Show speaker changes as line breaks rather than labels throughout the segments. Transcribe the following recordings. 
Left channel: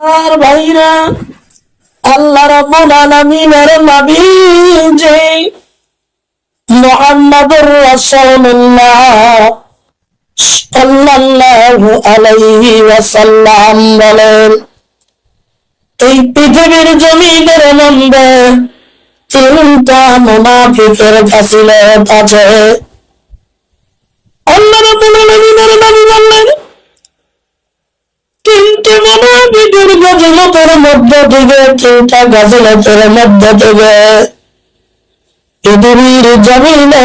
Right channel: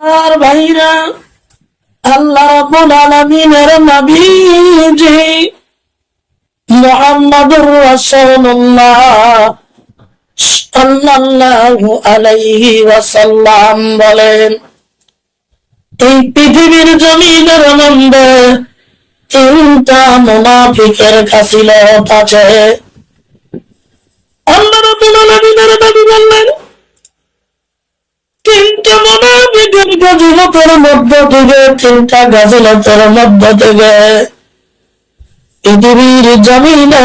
আর ভাইরা, আল্লাহ রাব্বুল আলামিনের নবী যে মুহাম্মাদুর রাসূলুল্লাহ সাল্লাল্লাহু আলাইহি ওয়াসাল্লাম বলেন, এই পৃথিবীর জমিনের মধ্যে তিনটা মুনাফিকের কাছিলত আছে। নবী বললেন তিনটা মুনাফিকের গাজিলতের মধ্য থেকে গাজিলতের মধ্য পৃথিবীর জমিনে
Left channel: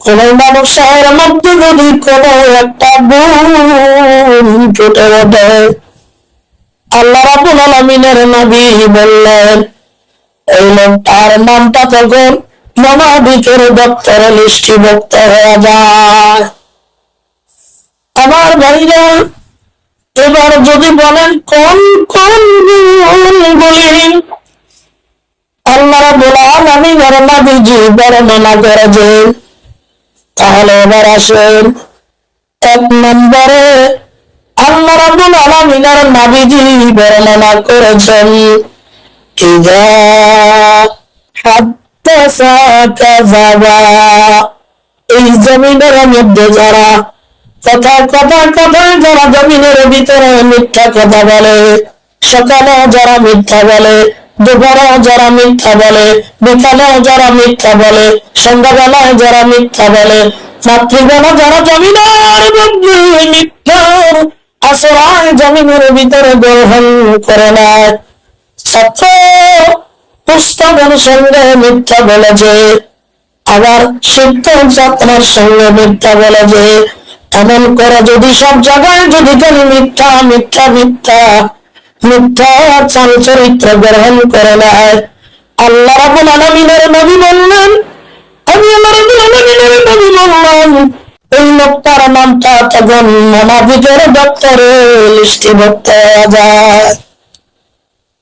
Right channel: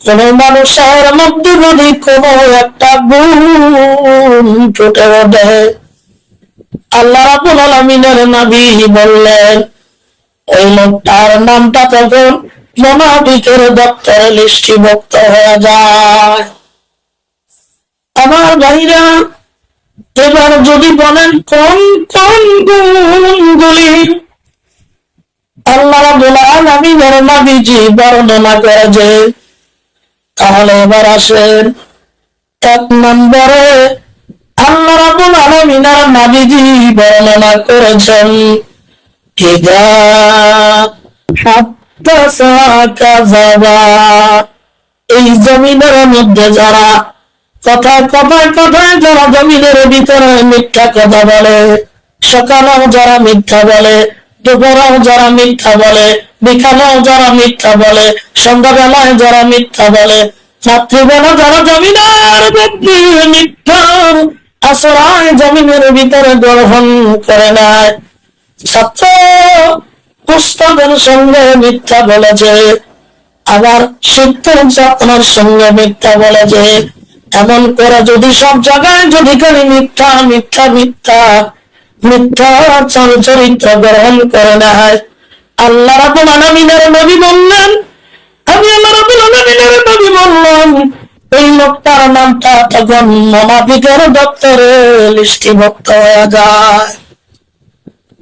কোন মানুষের মধ্যে যদি কোন একটা গুণ ফুটে ওঠে, আল্লাহ রাবুল আলমিনের নবী বললেন, এই লোকটার নামটা তখন মনাবিকের দপ্তরে লিষ্টিভুক্ত হয়ে যায়। আমার ভাইরা এবার যদি বলেন, কোন কোন গুণগুলি আল্লাহ রাবুল আলমিনের নবীজি বর্ণনা করেছেন তাহলে এবার আসেন, এক নম্বরে আল্লাহ রাবুল আলমিনের নবীজি বর্ণনা করেছেন এই জমিনের মধ্যে যারা কথায় কথায় কথায় যারা জমিনের ভিতরে মিথ্যা কথা বলে, সকালেও যারা মিথ্যা বলে, দুপুরেও যারা মিথ্যা বলে, বিকালেও যারা মিথ্যা বলে, সন্ধ্যাবেলায় যারা মিথ্যা বলে, রাত্রিবেলা যারা জমিনের মধ্যে মিথ্যার আশ্রয় জমিনের ভিতরে গ্রহণ করে নেয়। ছাত্র পুস্তকের সঙ্গে মিথ্যা বলেছে আবার শিক্ষক আপনার সঙ্গে মিথ্যা বলেছে এমন করে যদি সব জায়গায়, যদি খালি মিথ্যা মিথ্যা মিথ্যা মিথ্যা চাল চরিত্র গ্রহণ করে নেয় আল্লাহ রাবুল আলমিনের নবী বললেন, আমি আল্লাহ রাবুল আলমিনের নবী বললাম, এই লোকটার নামটা তখন মনাবিকের দপ্তরে লিষ্টিভুক্ত হয়ে যায়।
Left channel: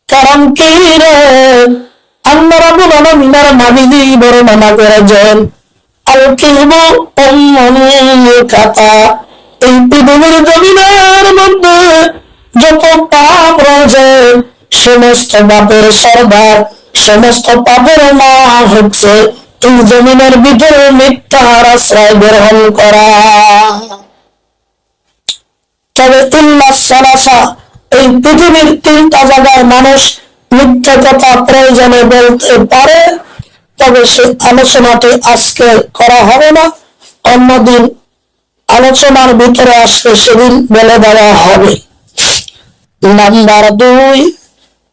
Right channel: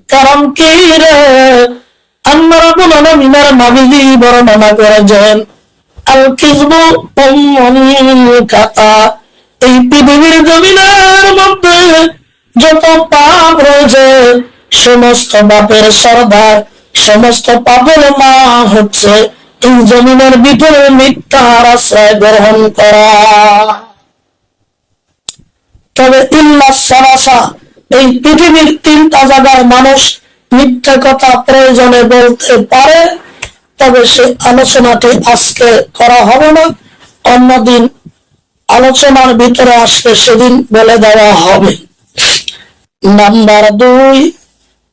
কারণ কি রে? আল্লাহ রাবুল আলমিনের নবীজি বর্ণনা করেছেন। আল কিসবু খাতা এই পৃথিবীর জমিনের মধ্যে যত পাপ রয়েছে, সমস্ত পাপের সর্দার, সমস্ত পাপের মা হচ্ছে এই জমিনের ভিতরে মিথ্যার আশ্রয় গ্রহণ করা। তবে ইল্লাহ সালাসা, এই পৃথিবীর তিনটা জায়গায় মানুষ মিথ্যা কথা প্রয়োজনে বলতে পারে। তবে সে আলোচনাটি আজকে করা হবে না। অন্যদিন আলোচনার ভিতরে আজকে সেদিন বলে দেওয়া হবে। নাম্বার দুই,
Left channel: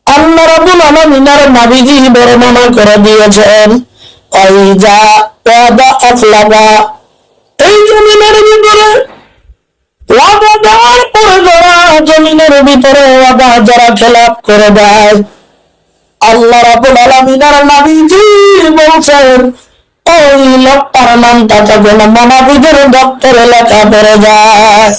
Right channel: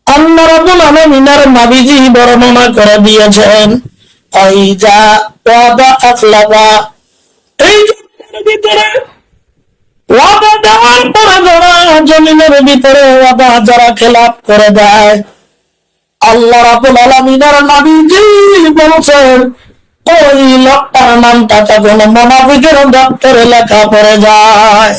আল্লাহ রাব্বুল আলামিনের নবীজি বর্ণনা করে দিয়েছেন, ওয়াইজা ওয়াদা আখলাবা এই জমিনের ভিতরে ওয়াদা দেওয়ার পরে যারা জমিনের ভিতরে ওয়াদা যারা খেলাপ করে দেয় আল্লাহ রাবুল আলমিনার নবীজি বলছেন, ওই লোকটার নামটা তখন মনাবিদের দপ্তরে লেখা পড়ে যায়।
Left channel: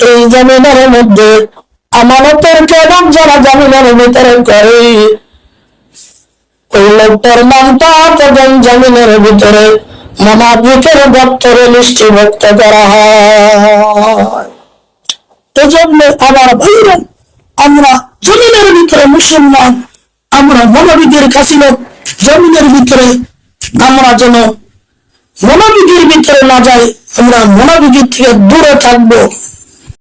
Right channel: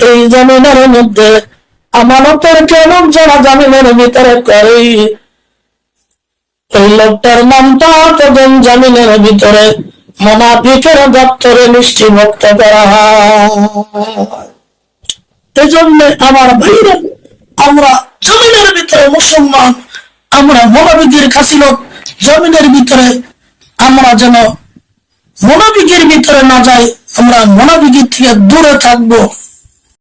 এই জমিনের মধ্যে আমানতের কেবল যারা জমিনের ভিতরে করে। ওই লোকটার নামটা তখন জমিনের ভিতরে মনাফিকের দপ্তরে লিষ্টিভুক্ত করা হয়। এজন্য আমার ভাইরা আমরা জমিনের ভিতরে মুসলমান, আমরা মনোবিদের কাছিলত জমিনের ভিতরে, আমরা যেন মনোবিদের ভিতরে না যাই, আমরা মনোবিদের থেকে দূরে থাকব।